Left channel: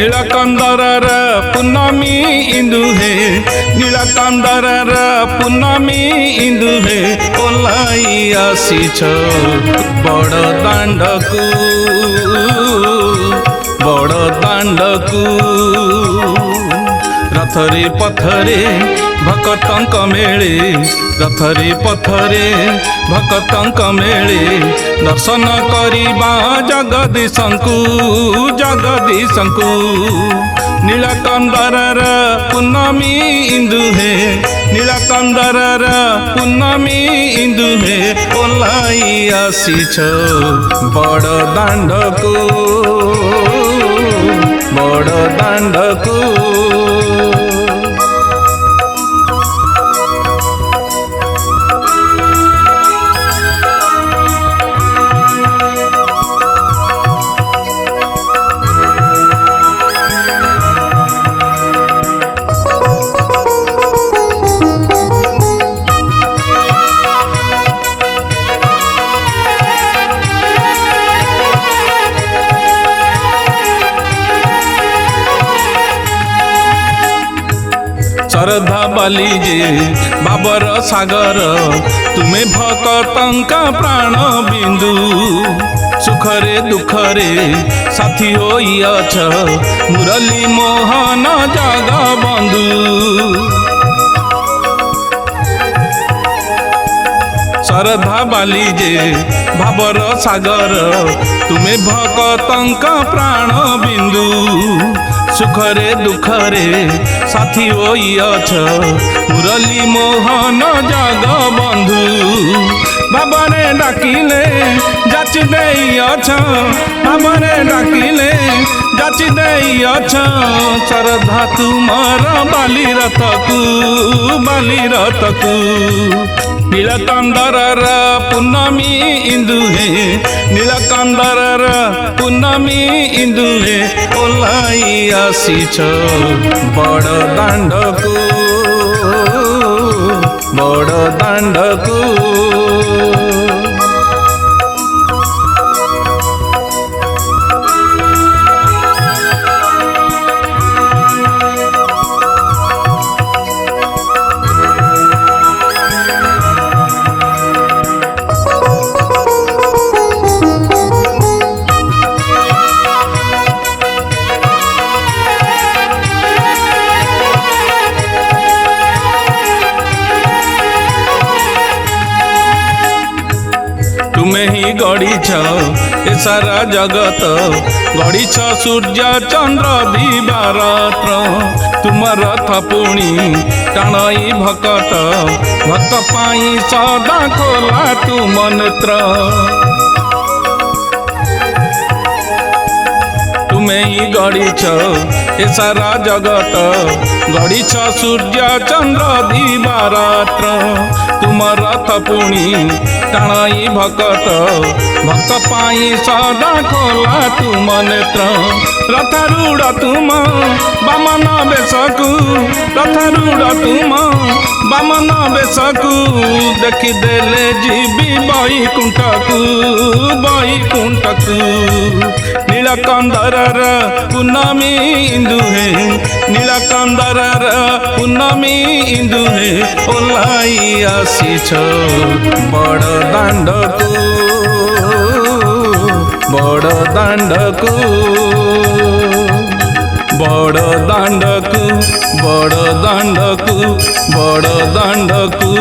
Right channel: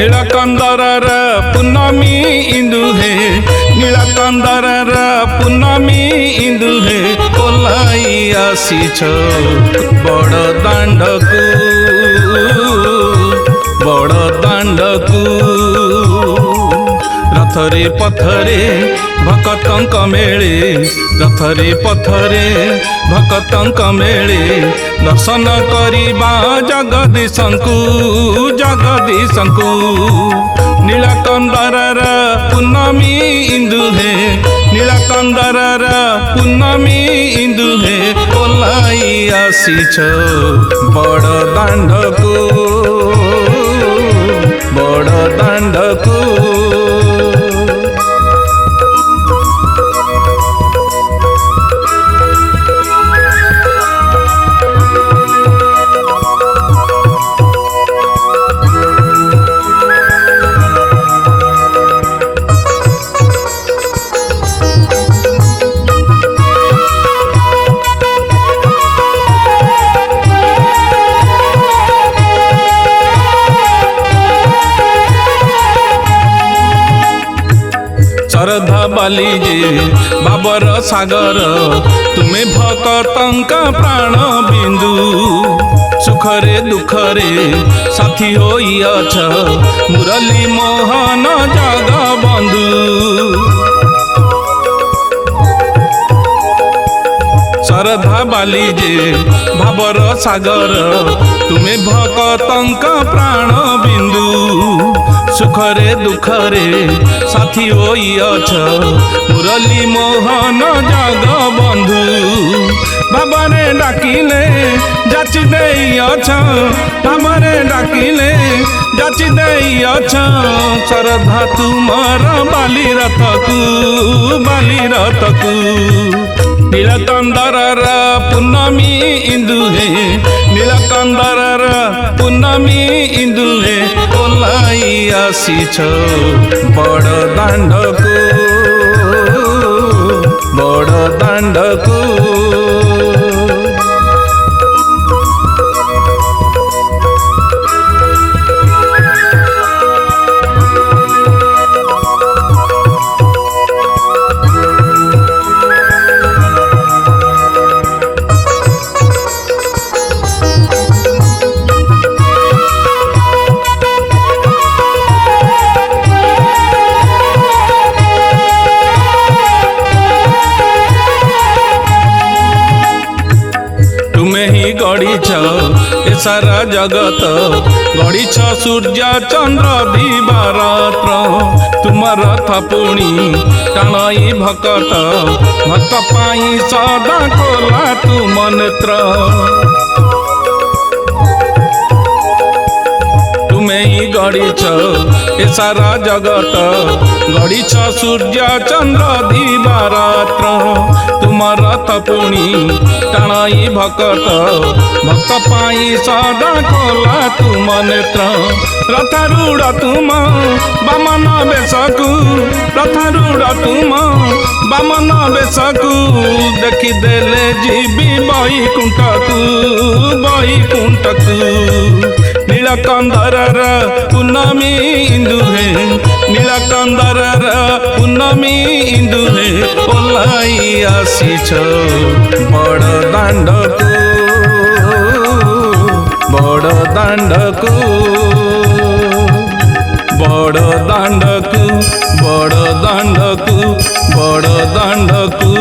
नीलकंदर पूनमी इंदु हे नीलकंदर पूनमी इंदु हे alloy आसीछ बड़ दांडकू बड़ दांडकू रथरे पथरे भक्तंक मेले रथरे पथरे भक्तंक मेले दर्शन करिबा जगदीशंकु जगदीशंकु नीलकंदर पूनमी इंदु हे नीलकंदर पूनमी इंदु हे ओलाई आसीछ बड़ दांडकू बड़ दांडकू श्रद्धा बाली जे बाबर सागर तुम्हें भक्तंका प्राण बिंदु सुखरे दुखरे साथी होइअछ मुरली मोहन जगबंधु श्रद्धा बाली जे भाबर सागर तुम्हें भक्तंका प्राण बिंदु सुखरे दुखरे साथी होइअछ मुरली मोहन जगबंधु भावरे डाकिले जाचि देइअछ भावरे डाकिले जाचि देइअछ श्रद्धा तुमर बाली रथकू नीलकंदर पूनमी इंदु हे नीलकंदर पूनमी इंदु हे ओलाई आसीछ बड़ दांडकू बड़ दांडकू तुम्हें ही गढ़ीछ ए सारा जगत गढ़ीछ सूर्य चंद्र दिवारात्र तुम रथ पुणी टाणई भक्त भक्त पाई सदा खोला तुम नेत्र तुम्हें ही गढ़ीछ ए सारा जगत गढ़ीछ सूर्य चंद्र दिवारात्र तुम रथ पुणी टाणई भक्त भक्त पाई सदा खोला तुम नेत्र रथारूढ़ तुम बामन बेशकू रथारूढ़ तुम बामन बेशकू देखिदेले जीवी बैकुंठकू नीलकंदर पूनमी इंदु हे नीलकंदर पूनमी इंदु हे ओलाई आसीछ बड़ दांडकू बड़ दांडकू बड़ दांडकू बड़ दांडकू बड़ दांडकू।